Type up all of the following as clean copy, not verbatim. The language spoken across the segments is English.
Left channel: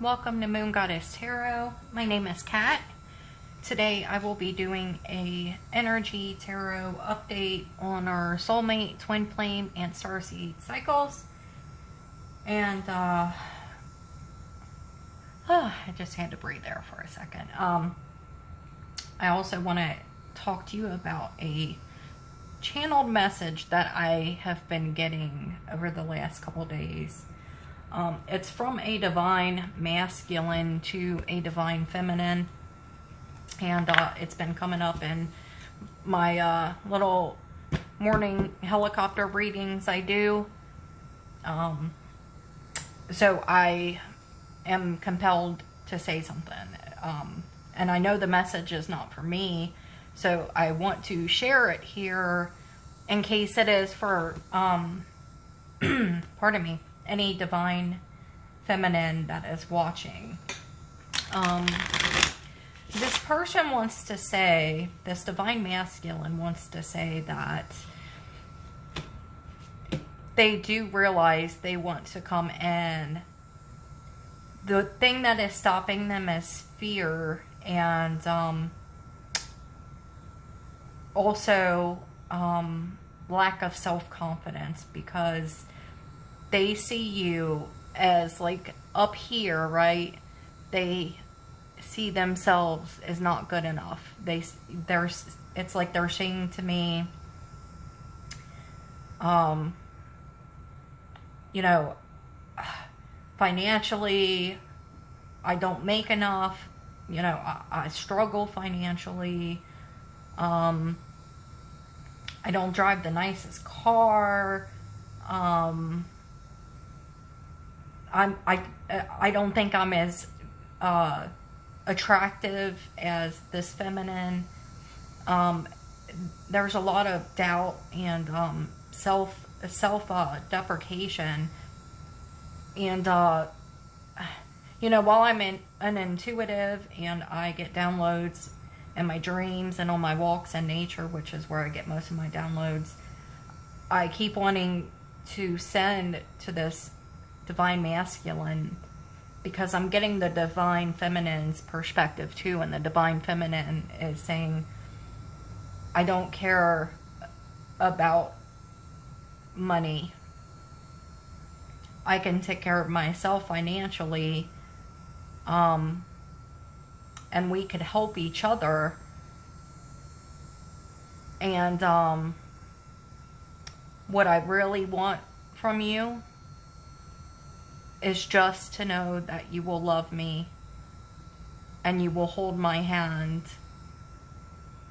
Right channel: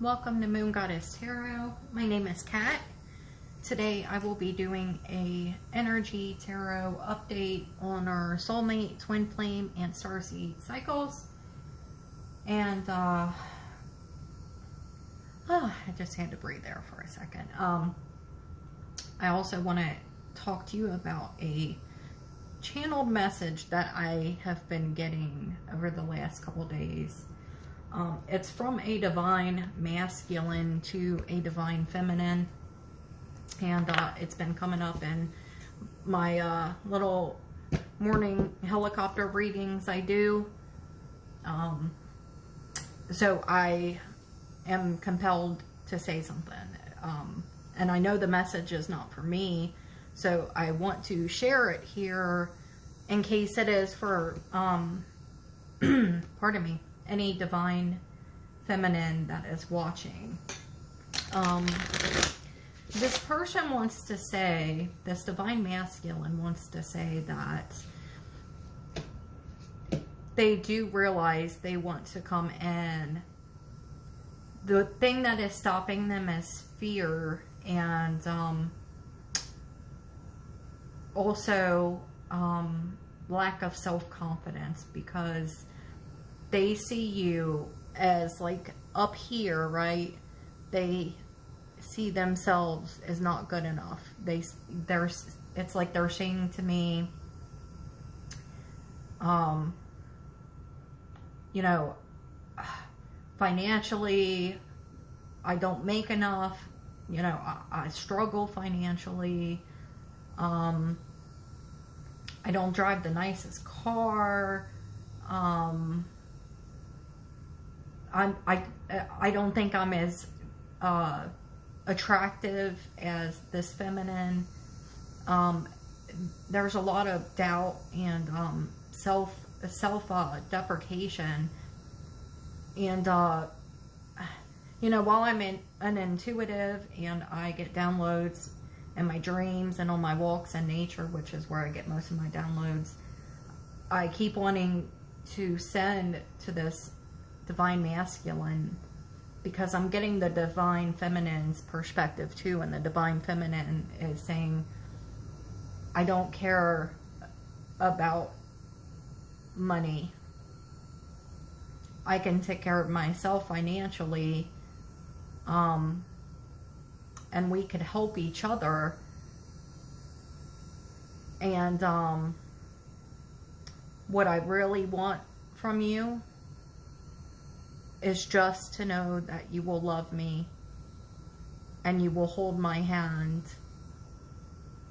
Welcome to Moon Goddess Tarot. My name is Kat. Today I will be doing a energy tarot update on our soulmate, twin flame, and starseed cycles. And I just had to breathe there for a second. I also want to talk to you about a channeled message that I have been getting over the last couple days. It's from a divine masculine to a divine feminine, and it's been coming up in my little morning helicopter readings I do. So I am compelled to say something, and I know the message is not for me, so I want to share it here in case it is for pardon me, any divine feminine that is watching. This person wants to say, this divine masculine wants to say that they do realize they want to come in. The thing that is stopping them is fear, and also lack of self-confidence, because they see you as like up here, right? They see themselves as not good enough. It's like they're saying to me, you know, financially, I don't make enough. You know, I struggle financially. I don't drive the nicest car. I don't think I'm as attractive as this feminine. There's a lot of doubt and self deprecation, and you know, while I'm an intuitive and I get downloads in my dreams and on my walks in nature, which is where I get most of my downloads, I keep wanting to send to this divine masculine, because I'm getting the divine feminine's perspective too, and the divine feminine is saying, I don't care about money. I can take care of myself financially, and we could help each other. And what I really want from you is just to know that you will love me and you will hold my hand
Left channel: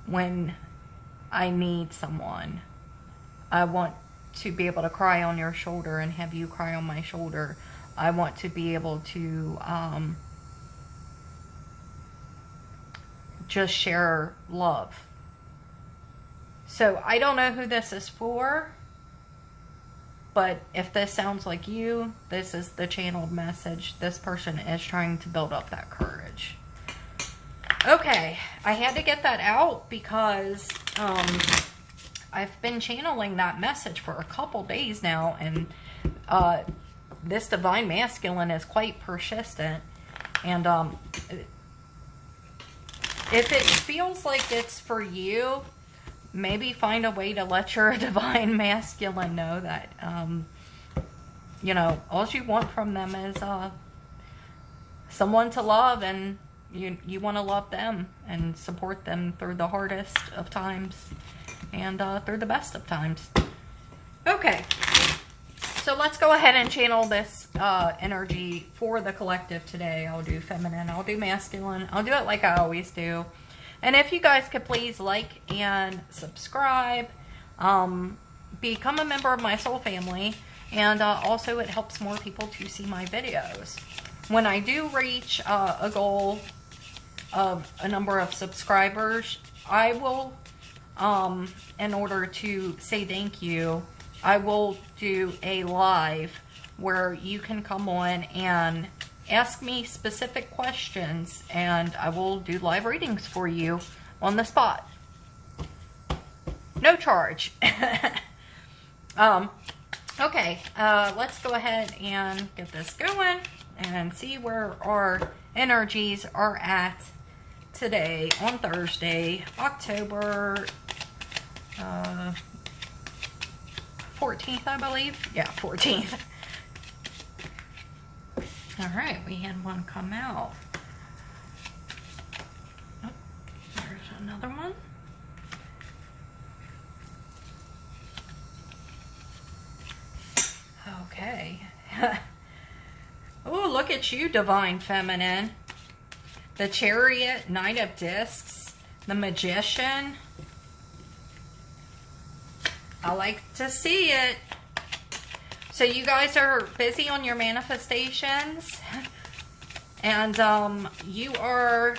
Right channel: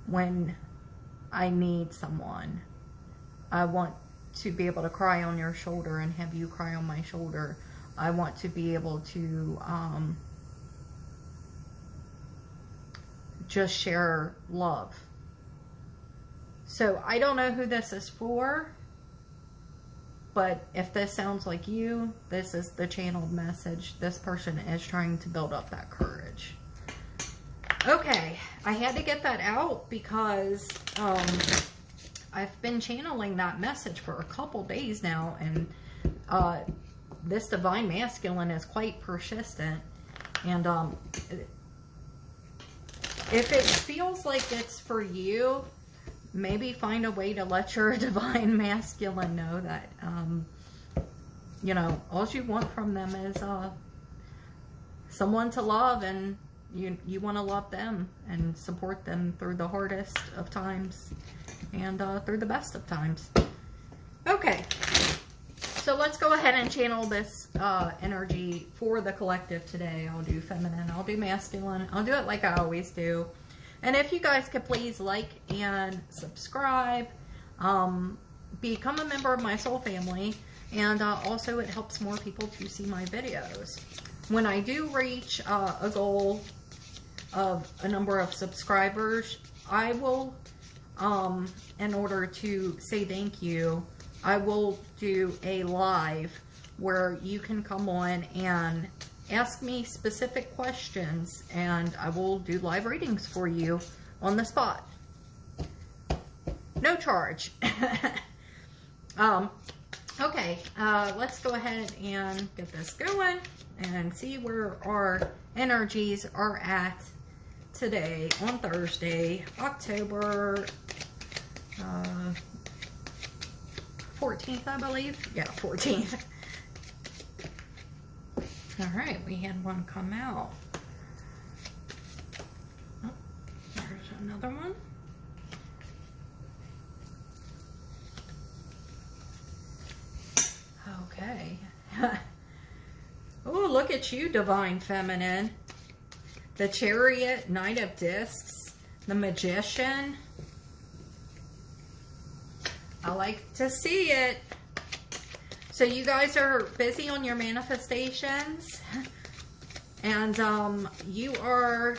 when I need someone. I want to be able to cry on your shoulder and have you cry on my shoulder. I want to be able to just share love. So I don't know who this is for, but if this sounds like you, this is the channeled message. This person is trying to build up that courage. Okay, I had to get that out because I've been channeling that message for a couple days now, and this divine masculine is quite persistent. And if it feels like it's for you, maybe find a way to let your divine masculine know that, you know, all you want from them is someone to love, and you want to love them and support them through the hardest of times and through the best of times. Okay, so let's go ahead and channel this energy for the collective today. I'll do feminine, I'll do masculine, I'll do it like I always do. And if you guys could please like and subscribe, become a member of my soul family, and also it helps more people to see my videos. When I do reach a goal of a number of subscribers, I will, in order to say thank you, I will do a live where you can come on and ask me specific questions, and I will do live readings for you on the spot. No charge. Okay, let's go ahead and get this going. and see where our energies are at today on Thursday, October 14th, I believe. Yeah, 14th. All right, we had one come out. Oh, there's another one. Okay. Oh, look at you, Divine Feminine. The Chariot, Knight of Discs, the Magician. I like to see it. So you guys are busy on your manifestations. And you are,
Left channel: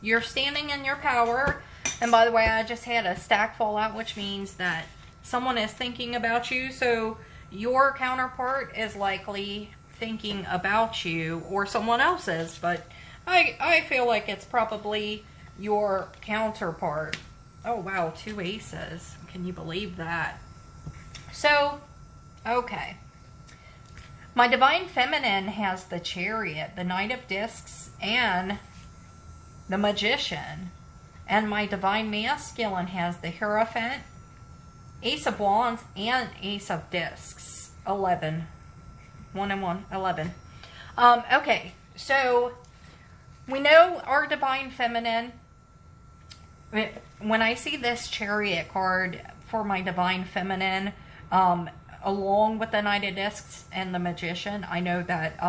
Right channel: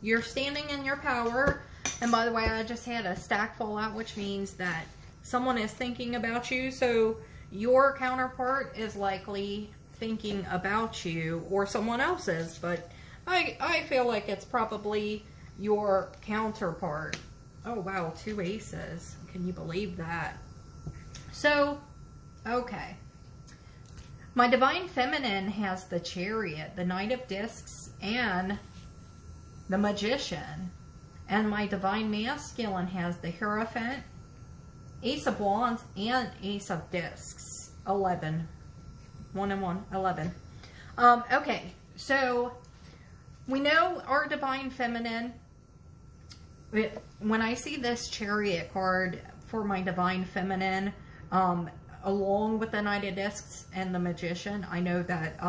you're standing in your power. And by the way, I just had a stack fall out, which means that someone is thinking about you. So your counterpart is likely thinking about you, or someone else's, but I feel like it's probably your counterpart. Oh wow, 2 aces. Can you believe that? So, okay. My Divine Feminine has the Chariot, the Knight of Discs, and the Magician. And my Divine Masculine has the Hierophant, Ace of Wands, and Ace of Discs. 11. 1 and 1, 11. Okay, so we know our Divine Feminine. When I see this Chariot card for my Divine Feminine, along with the Knight of Discs and the Magician, I know that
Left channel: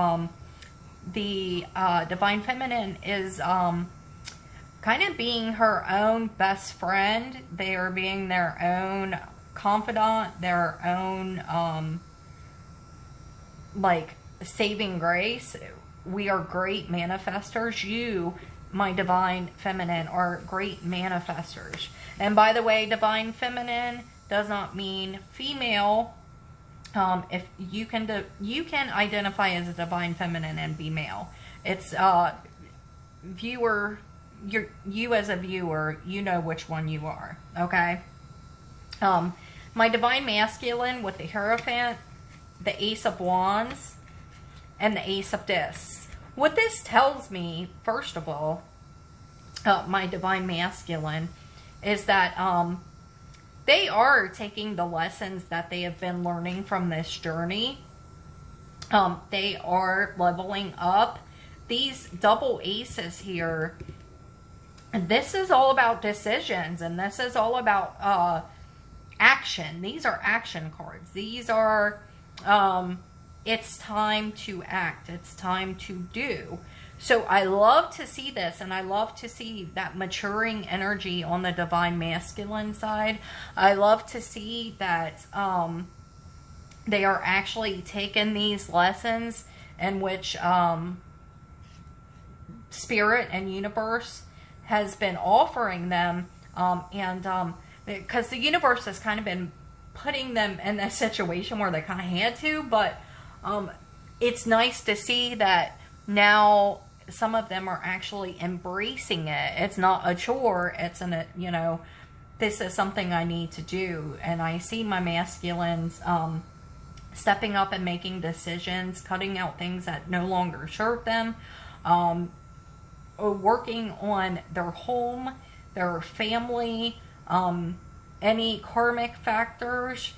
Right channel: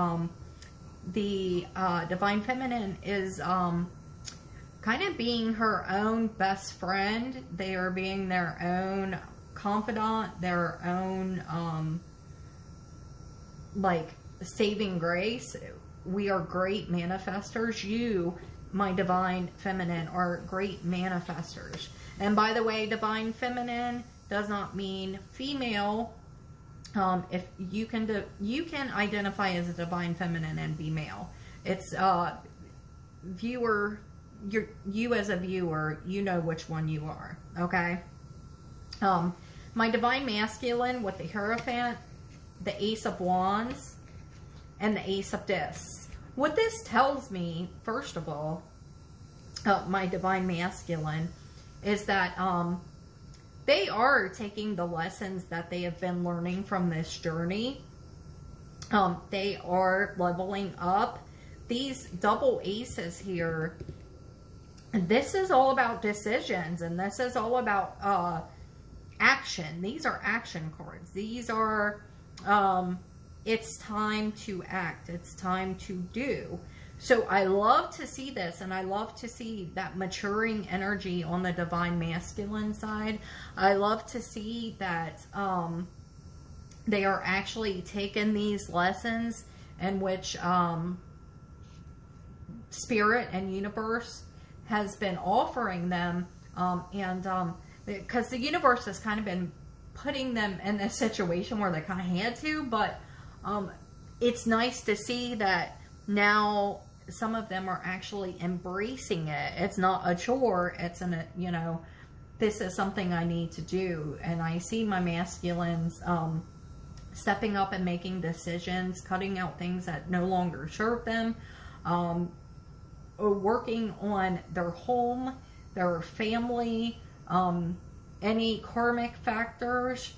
the Divine Feminine is kind of being her own best friend. They are being their own confidant, their own like saving grace. We are great manifestors. You, my Divine Feminine, are great manifestors. And by the way, Divine Feminine does not mean female. If you can identify as a Divine Feminine and be male. It's viewer. You as a viewer, you know which one you are. Okay. My Divine Masculine with the Hierophant, the Ace of Wands, and the Ace of Discs. What this tells me, first of all, my Divine Masculine, is that they are taking the lessons that they have been learning from this journey. They are leveling up. These double aces here, this is all about decisions, and this is all about action. These are action cards. These are, it's time to act. It's time to do. So I love to see this, and I love to see that maturing energy on the Divine Masculine side. I love to see that they are actually taking these lessons in which Spirit and Universe has been offering them, because the universe has kind of been putting them in a situation where they kind of had to, but it's nice to see that now some of them are actually embracing it. It's not a chore. It's this is something I need to do. And I see my masculines stepping up and making decisions, cutting out things that no longer serve them, or working on their home, their family, any karmic factors.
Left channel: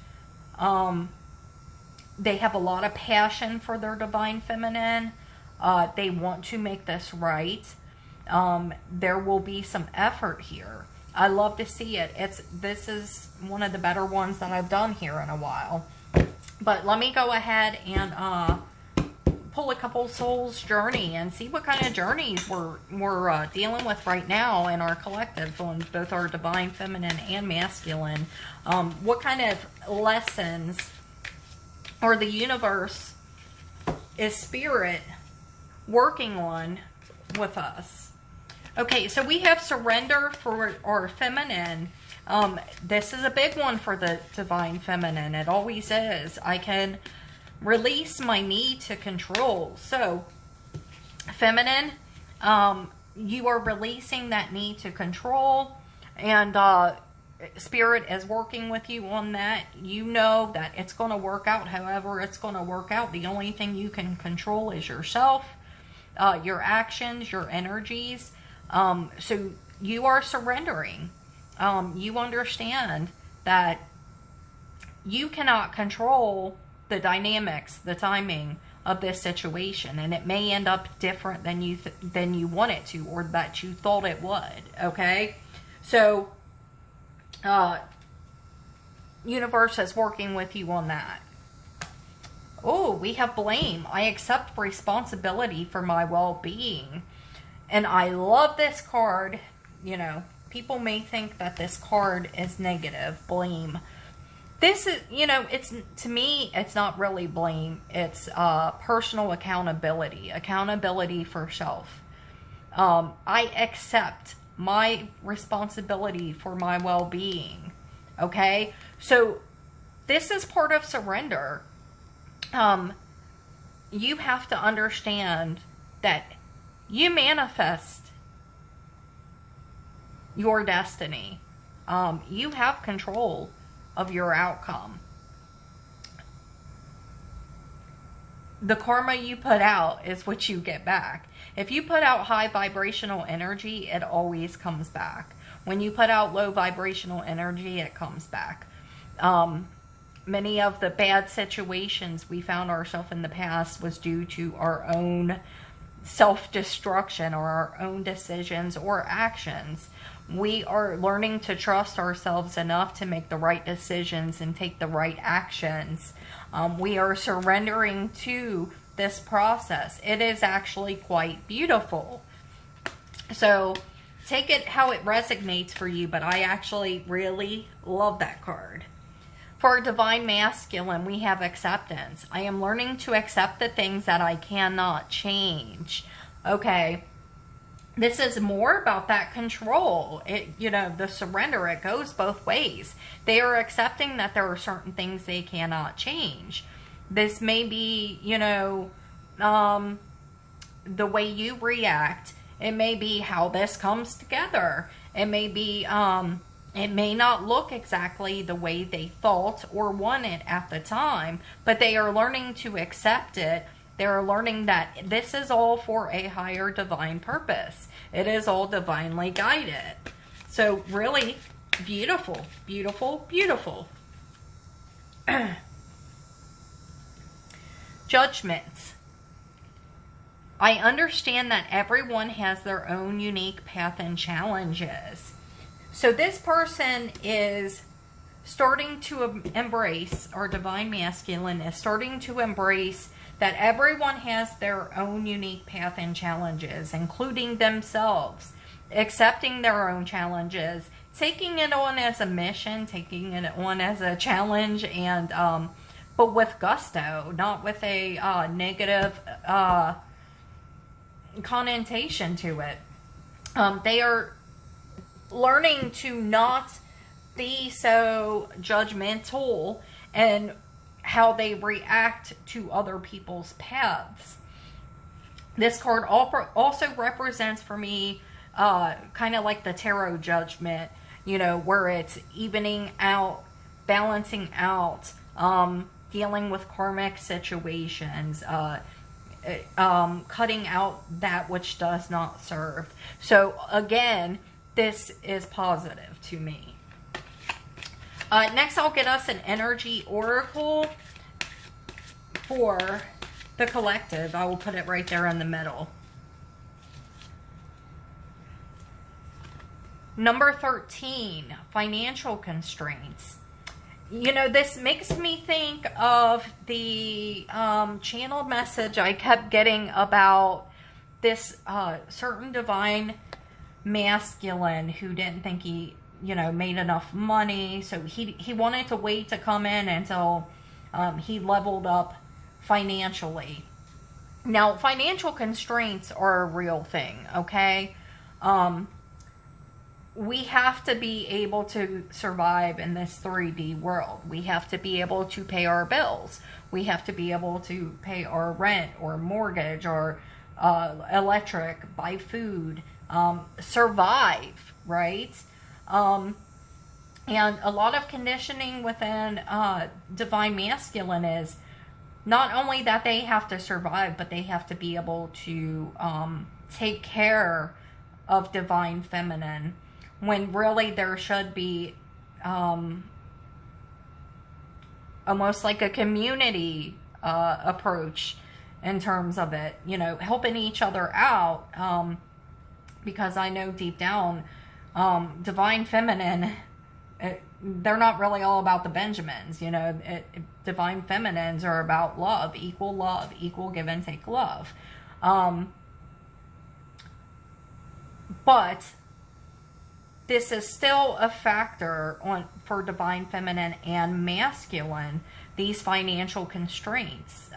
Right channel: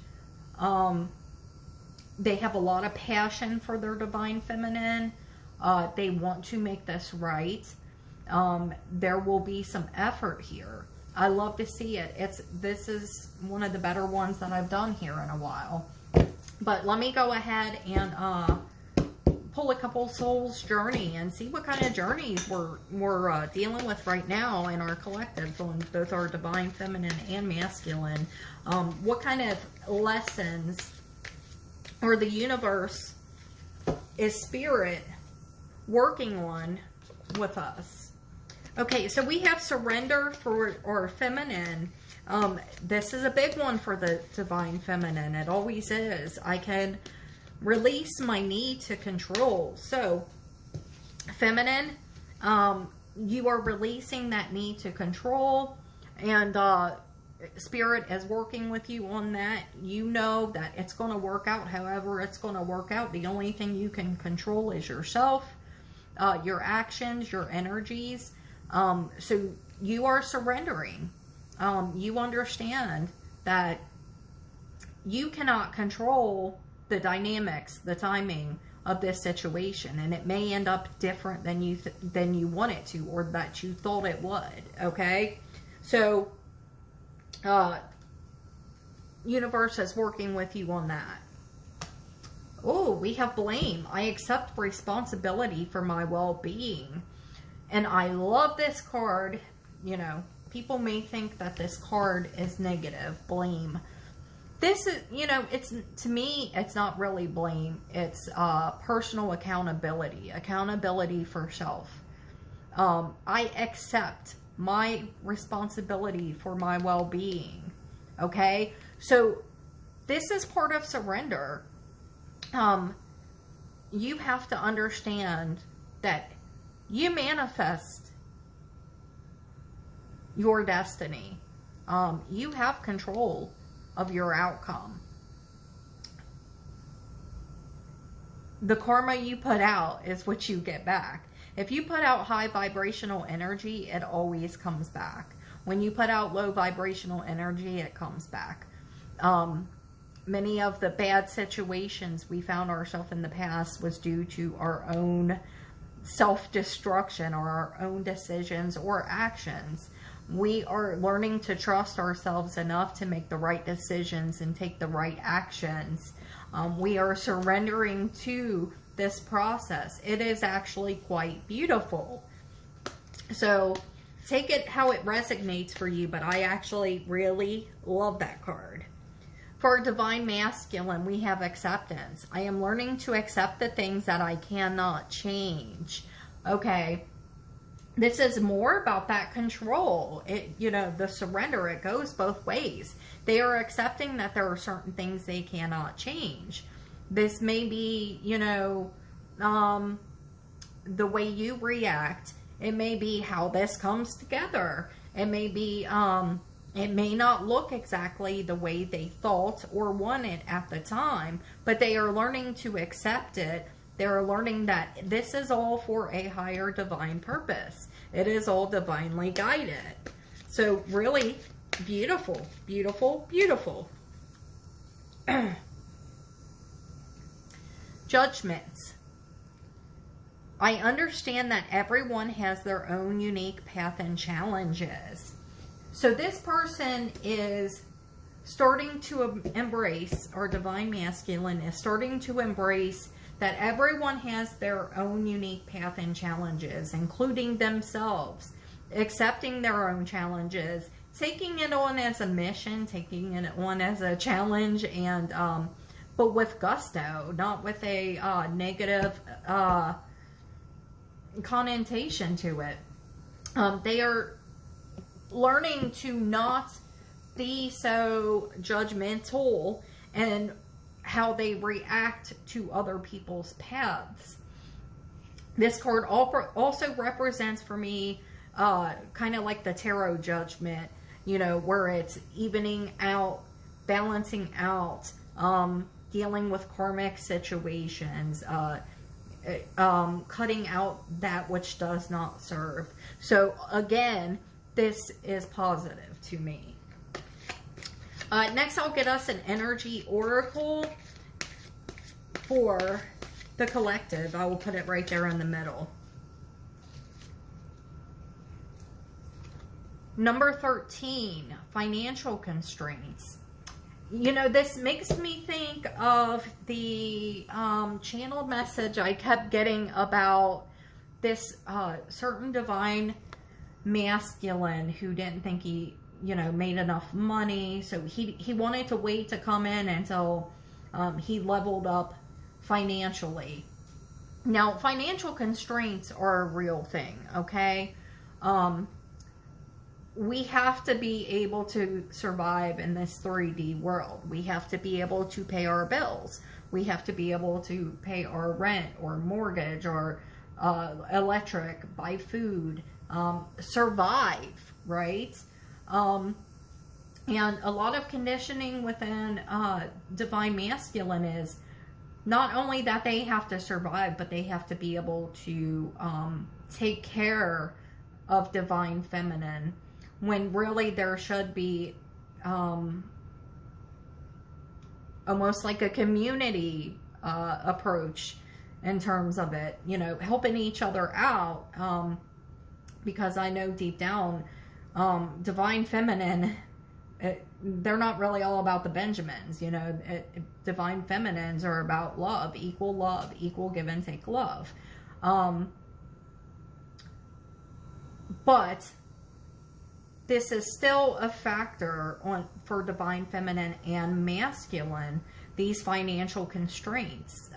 They have a lot of passion for their Divine Feminine. They want to make this right. There will be some effort here. I love to see it. This is one of the better ones that I've done here in a while. But let me go ahead and pull a couple souls journey and see what kind of journeys we're dealing with right now in our collective on both our Divine Feminine and Masculine. What kind of lessons or the universe is Spirit working on with us. Okay, so we have surrender for our feminine. This is a big one for the Divine Feminine. It always is. I can release my need to control. So, feminine, you are releasing that need to control, and Spirit is working with you on that. You know that it's going to work out however it's going to work out. The only thing you can control is yourself, your actions, your energies. So you are surrendering. You understand that you cannot control the dynamics, the timing of this situation, and it may end up different than you want it to, or that you thought it would. Okay, so universe is working with you on that. Oh, we have blame. I accept responsibility for my well-being. And I love this card. You know, people may think that this card is negative, blame. This is, you know, it's, to me, it's not really blame. It's personal accountability. Accountability for self. I accept my responsibility for my well-being. Okay? So, this is part of surrender. You have to understand that you manifest your destiny. You have control of your outcome. The karma you put out is what you get back. If you put out high vibrational energy, it always comes back. When you put out low vibrational energy, it comes back. Many of the bad situations we found ourselves in the past was due to our own self-destruction or our own decisions or actions. We are learning to trust ourselves enough to make the right decisions and take the right actions. We are surrendering to this process. It is actually quite beautiful. So take it how it resonates for you, but I actually really love that card. For Divine Masculine, we have acceptance. I am learning to accept the things that I cannot change. Okay. This is more about that control. It, you know, the surrender, it goes both ways. They are accepting that there are certain things they cannot change. This may be, you know, the way you react. It may be how this comes together. It may be, it may not look exactly the way they thought or wanted at the time, but they are learning to accept it. They're learning that this is all for a higher divine purpose. It is all divinely guided. So really beautiful, beautiful, beautiful. Judgments. I understand that everyone has their own unique path and challenges. So this person is starting to embrace, or Divine Masculine is starting to embrace that everyone has their own unique path and challenges, including themselves, accepting their own challenges, taking it on as a mission, taking it on as a challenge, and but with gusto, not with a negative connotation to it. They are learning to not be so judgmental and how they react to other people's paths. This card also represents for me kind of like the tarot judgment, you know, where it's evening out, balancing out, dealing with karmic situations, cutting out that which does not serve. So again, this is positive to me. Next, I'll get us an energy oracle for the collective. I will put it right there in the middle. Number 13, financial constraints. You know, this makes me think of the channeled message I kept getting about this certain divine masculine who didn't think he, you know, made enough money. So he wanted to wait to come in until he leveled up financially. Now, financial constraints are a real thing, okay? We have to be able to survive in this 3D world. We have to be able to pay our bills. We have to be able to pay our rent or mortgage or electric, buy food, survive, right? And a lot of conditioning within divine masculine is not only that they have to survive, but they have to be able to take care of divine feminine, when really there should be almost like a community approach in terms of it, you know, helping each other out, because I know deep down, divine feminine, they're not really all about the Benjamins, you know. Divine feminines are about love, equal give and take love. But this is still a factor for divine feminine and masculine, these financial constraints.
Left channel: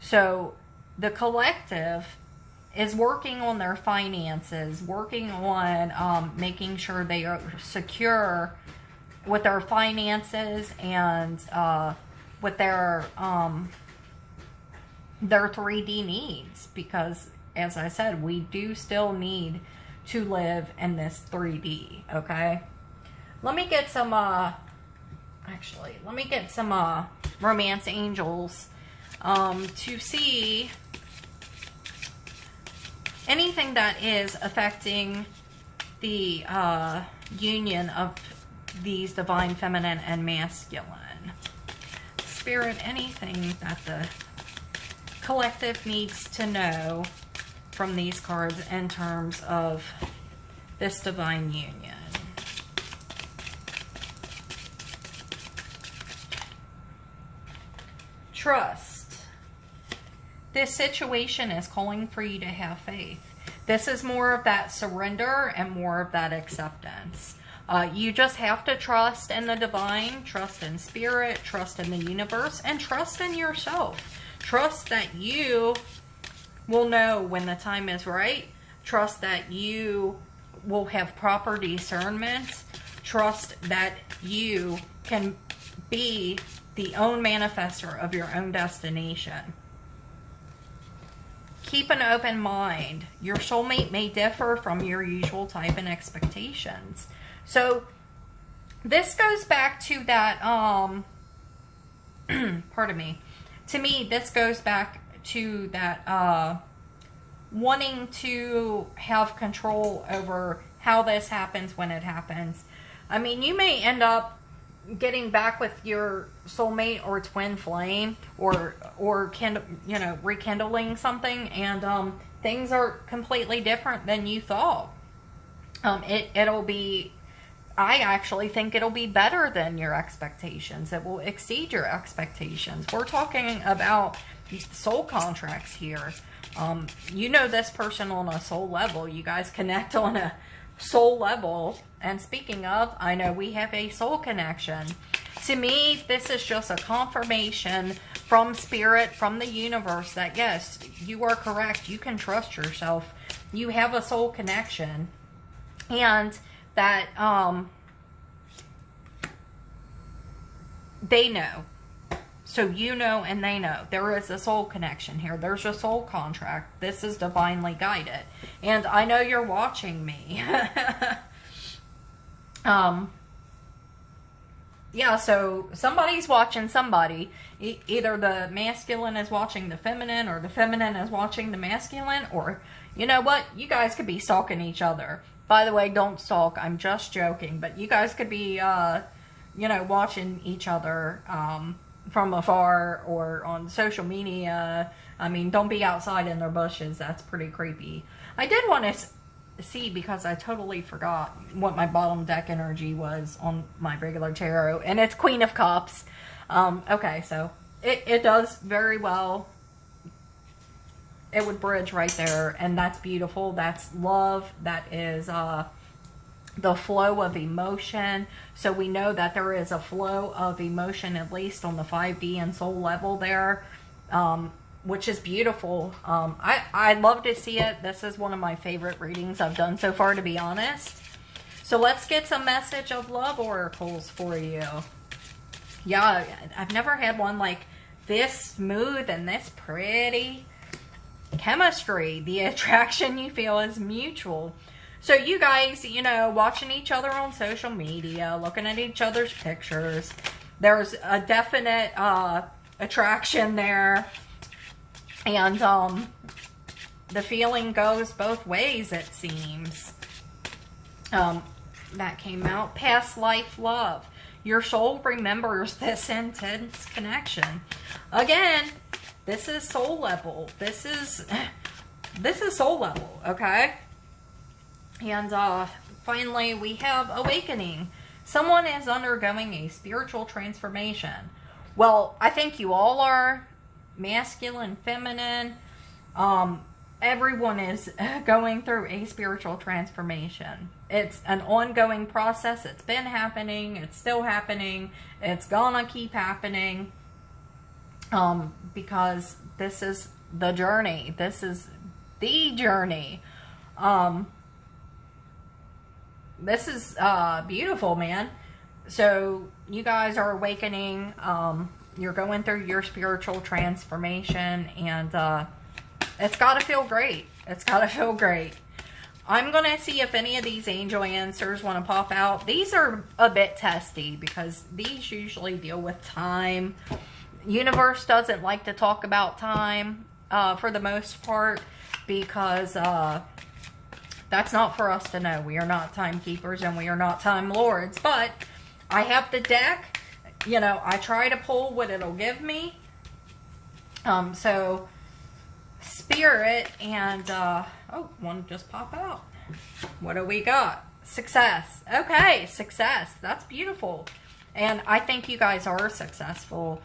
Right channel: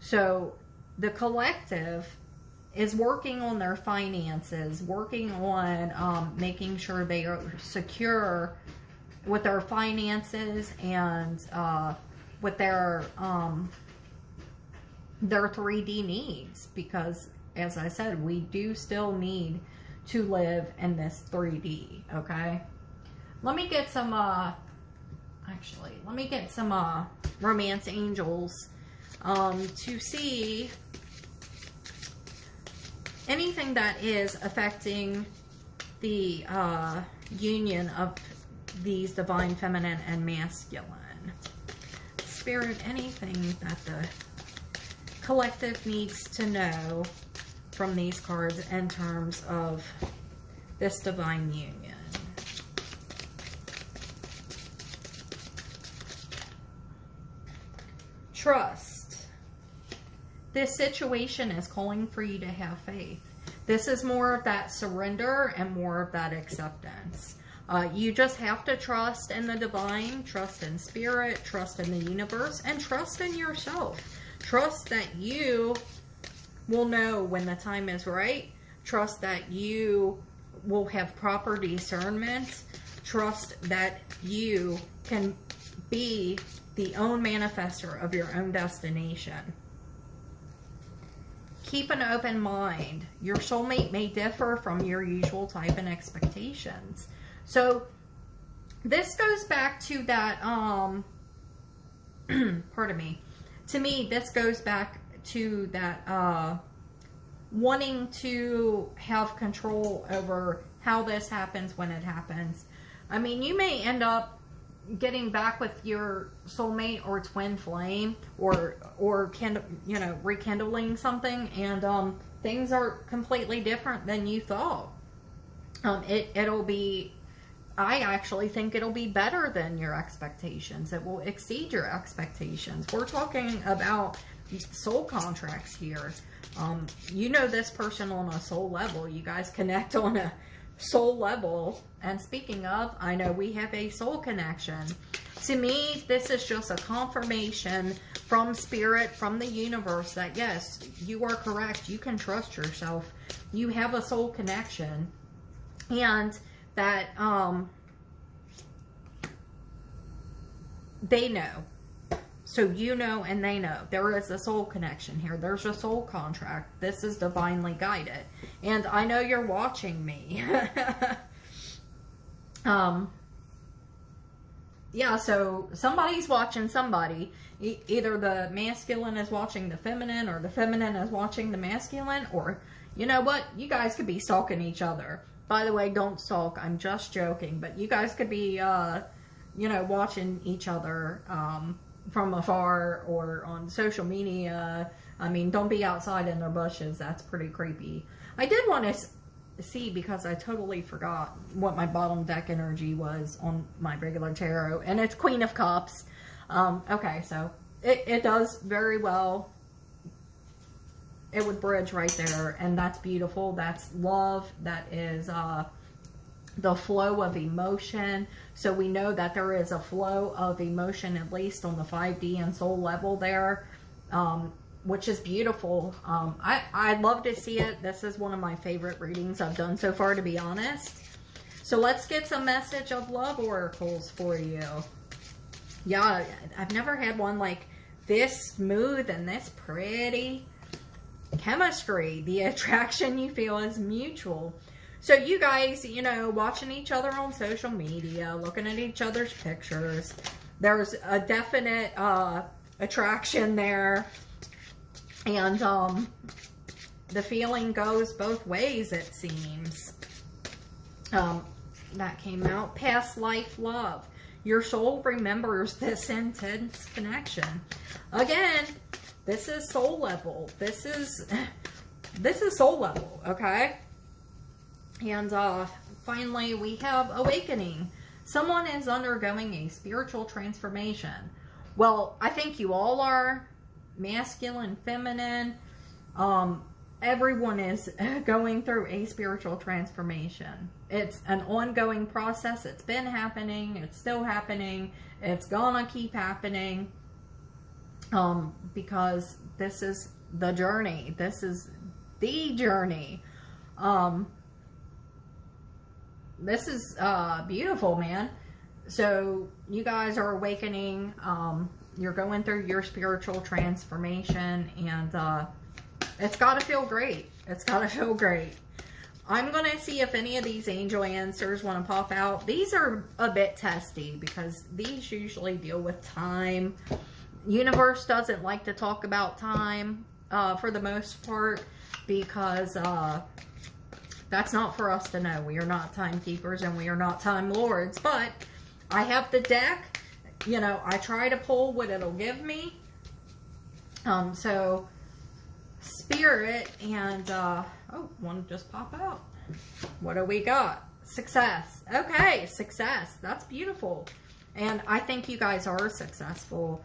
So the collective is working on their finances, working on making sure they are secure with their finances and with their 3D needs, because as I said, we do still need to live in this 3D. Okay, let me get some romance angels to see anything that is affecting the union of these divine feminine and masculine. Spirit, anything that the collective needs to know from these cards in terms of this divine union. Trust. This situation is calling for you to have faith. This is more of that surrender and more of that acceptance. You just have to trust in the divine, trust in spirit, trust in the universe, and trust in yourself. Trust that you will know when the time is right. Trust that you will have proper discernment. Trust that you can be the own manifester of your own destination. Keep an open mind. Your soulmate may differ from your usual type and expectations. So this goes back to that, pardon me. To me, this goes back to that wanting to have control over how this happens when it happens. I mean, you may end up getting back with your soulmate or twin flame, or you know, rekindling something, and things are completely different than you thought. It'll be, I actually think it'll be better than your expectations. It will exceed your expectations. We're talking about soul contracts here. You know this person on a soul level. You guys connect on a soul level. And speaking of, I know we have a soul connection. To me, this is just a confirmation from spirit, from the universe, that yes, you are correct. You can trust yourself. You have a soul connection. And that they know. So you know and they know. There is a soul connection here. There's a soul contract. This is divinely guided. And I know you're watching me. Yeah, so somebody's watching somebody. Either the masculine is watching the feminine, or the feminine is watching the masculine, or, you know what? You guys could be stalking each other. By the way, don't stalk. I'm just joking. But you guys could be, you know, watching each other from afar or on social media. I mean, don't be outside in their bushes. That's pretty creepy. I did want to see, because I totally forgot what my bottom deck energy was on my regular tarot, and it's Queen of Cups. Okay, so it does very well. It would bridge right there, and that's beautiful. That's love. That is the flow of emotion. So we know that there is a flow of emotion, at least on the 5D and soul level there, which is beautiful. I love to see it. This is one of my favorite readings I've done so far, to be honest. So let's get some message of love oracles for you. Yeah, I've never had one like this smooth and this pretty. Chemistry. The attraction you feel is mutual. So you guys, you know, watching each other on social media, looking at each other's pictures, there's a definite attraction there. And the feeling goes both ways, it seems. That came out. Past life love. Your soul remembers this intense connection. Again, this is soul level. This is soul level, okay? And finally, we have awakening. Someone is undergoing a spiritual transformation. Well, I think you all are. Masculine, feminine. Everyone is going through a spiritual transformation. It's an ongoing process. It's been happening. It's still happening. It's gonna keep happening. Because this is the journey. This is the journey. This is beautiful, man. So you guys are awakening. You're going through your spiritual transformation, and it's got to feel great. It's got to feel great. I'm going to see if any of these angel answers want to pop out. These are a bit testy because these usually deal with time. Universe doesn't like to talk about time for the most part because that's not for us to know. We are not timekeepers and we are not time lords. But I have the deck. You know, I try to pull what it'll give me. So, Spirit and, oh, one just popped out. What do we got? Success. Okay, success. That's beautiful. And I think you guys are successful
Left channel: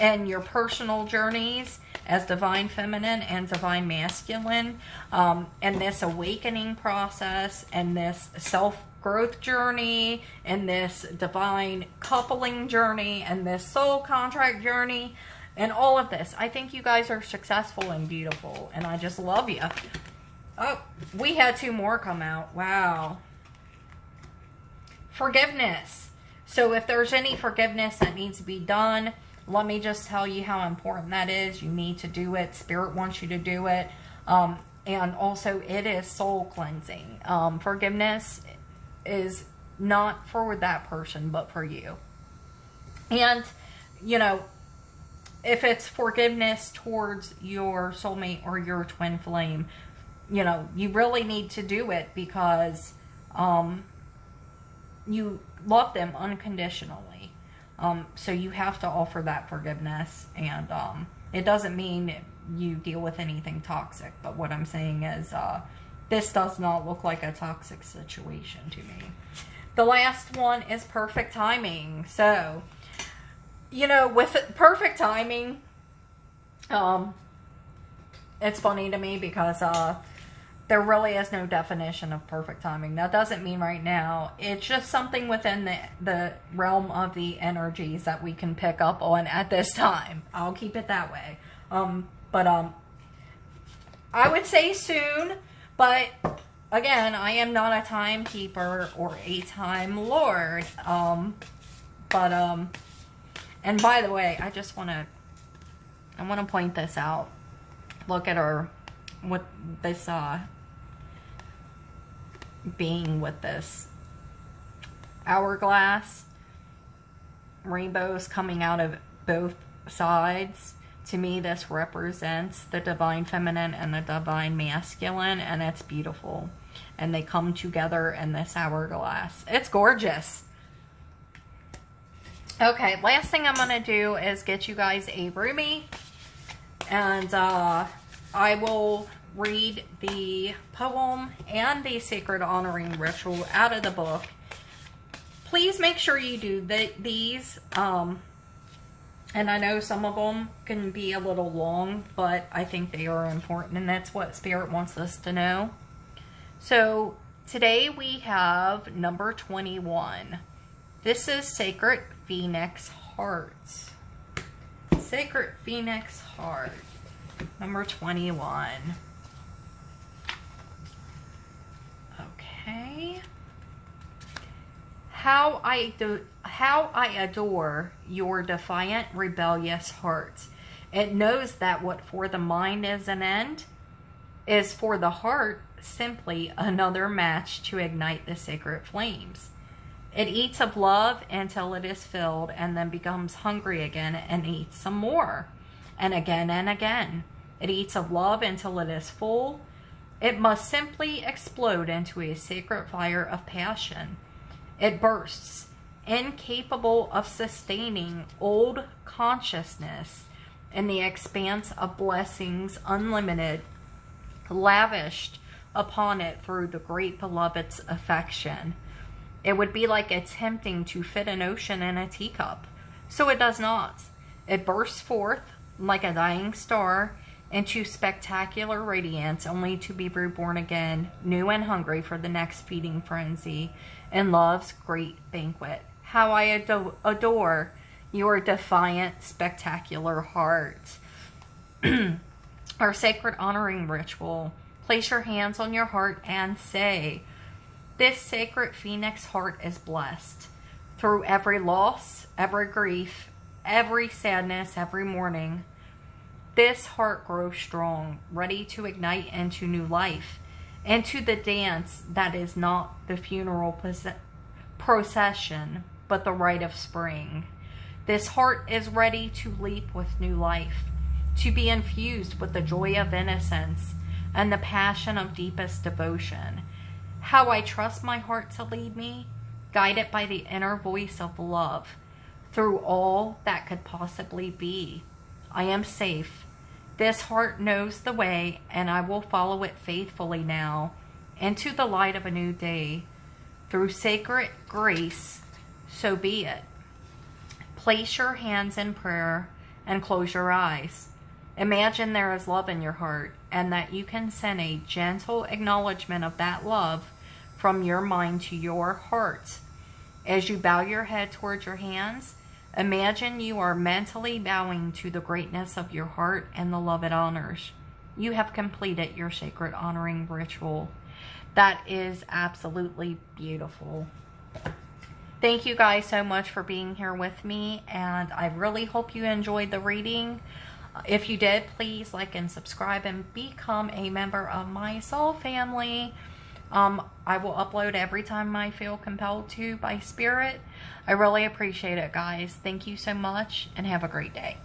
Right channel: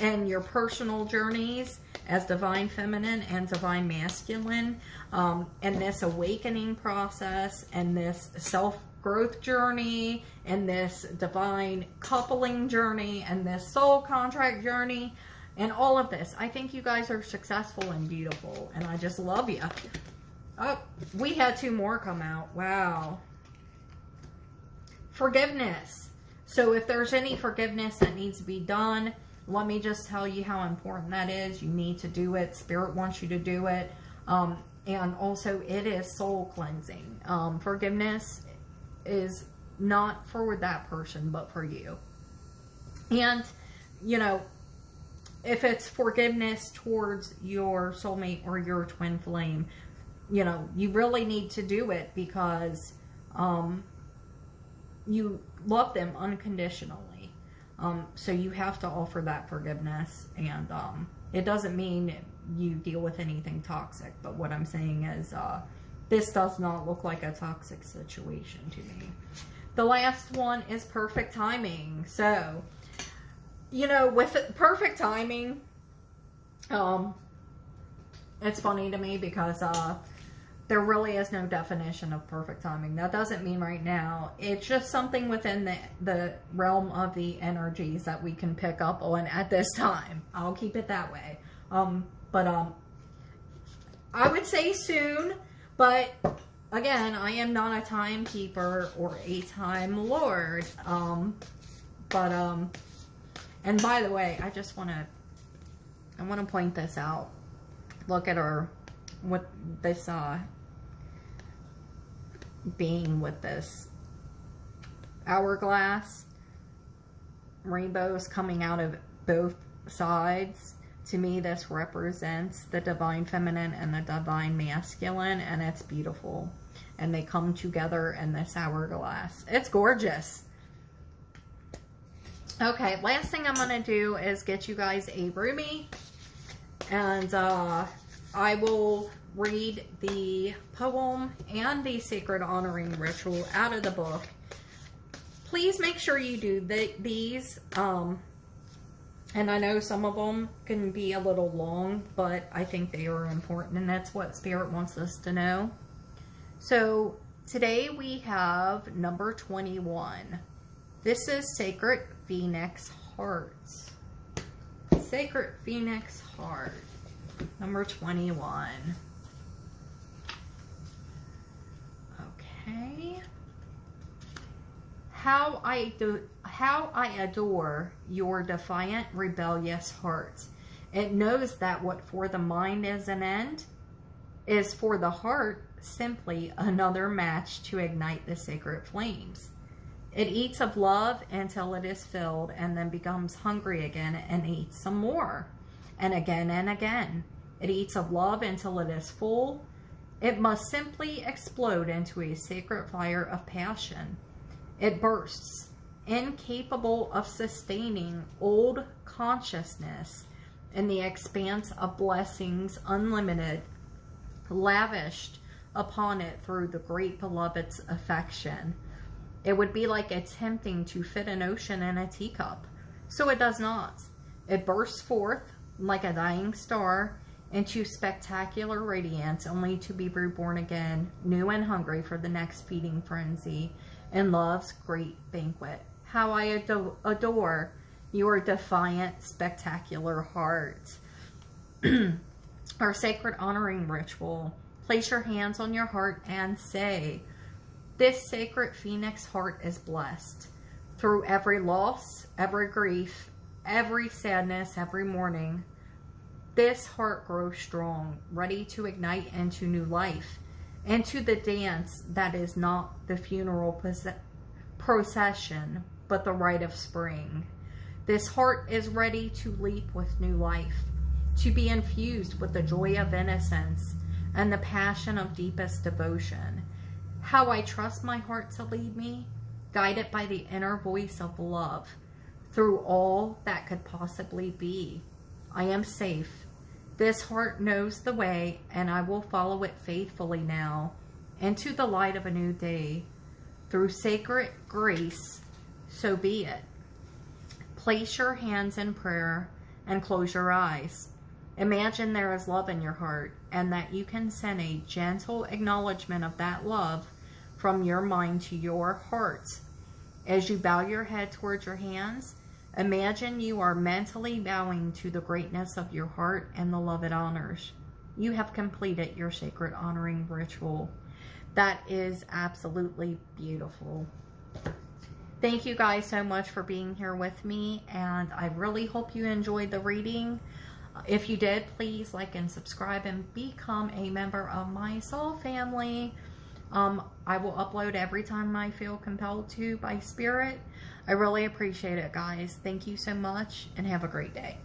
in your personal journeys as divine feminine and divine masculine, and this awakening process and this self-growth journey and this divine coupling journey and this soul contract journey and all of this. I think you guys are successful and beautiful, and I just love you. Oh, we had two more come out. Wow. Forgiveness. So if there's any forgiveness that needs to be done, let me just tell you how important that is. You need to do it. Spirit wants you to do it. And also, it is soul cleansing. Forgiveness is not for that person, but for you. And, you know, if it's forgiveness towards your soulmate or your twin flame, you know, you really need to do it because you love them unconditionally. So you have to offer that forgiveness, and it doesn't mean you deal with anything toxic, but what I'm saying is this does not look like a toxic situation to me. The last one is perfect timing. So, you know, with perfect timing, it's funny to me because there really is no definition of perfect timing. That doesn't mean right now. It's just something within the realm of the energies that we can pick up on at this time. I'll keep it that way. But I would say soon. But again, I am not a timekeeper or a time lord. And by the way, I want to point this out. Look at her with this being with this hourglass, rainbows coming out of both sides. To me, this represents the divine feminine and the divine masculine, and it's beautiful. And they come together in this hourglass. It's gorgeous. Okay, last thing I'm going to do is get you guys a roomie. And I will read the poem and the sacred honoring ritual out of the book. Please make sure you do these. And I know some of them can be a little long, but I think they are important, and that's what Spirit wants us to know. So today we have number 21. This is Sacred Phoenix Hearts. Sacred Phoenix Heart, number 21. Okay. How I adore your defiant, rebellious heart. It knows that what for the mind is an end, is for the heart simply another match to ignite the sacred flames. It eats of love until it is filled and then becomes hungry again and eats some more. And again and again. It eats of love until it is full. It must simply explode into a sacred fire of passion. It bursts, incapable of sustaining old consciousness in the expanse of blessings unlimited, lavished upon it through the great beloved's affection. It would be like attempting to fit an ocean in a teacup. So it does not. It bursts forth like a dying star into spectacular radiance, only to be reborn again, new and hungry for the next feeding frenzy in love's great banquet. How I adore your defiant, spectacular heart. Our sacred honoring ritual. Place your hands on your heart and say, this sacred phoenix heart is blessed. Through every loss, every grief, every sadness, every mourning, this heart grows strong, ready to ignite into new life, into the dance that is not the funeral procession, but the rite of spring. This heart is ready to leap with new life, to be infused with the joy of innocence and the passion of deepest devotion. How I trust my heart to lead me, guided by the inner voice of love, through all that could possibly be. I am safe. This heart knows the way, and I will follow it faithfully now, into the light of a new day. Through sacred grace, so be it. Place your hands in prayer and close your eyes. Imagine there is love in your heart, and that you can send a gentle acknowledgement of that love from your mind to your heart. As you bow your head towards your hands, imagine you are mentally bowing to the greatness of your heart and the love it honors. You have completed your sacred honoring ritual. That is absolutely beautiful. Thank you guys so much for being here with me, and I really hope you enjoyed the reading. If you did, please like and subscribe and become a member of my soul family. I will upload every time I feel compelled to by spirit. I really appreciate it, guys. Thank you so much, and have a great day.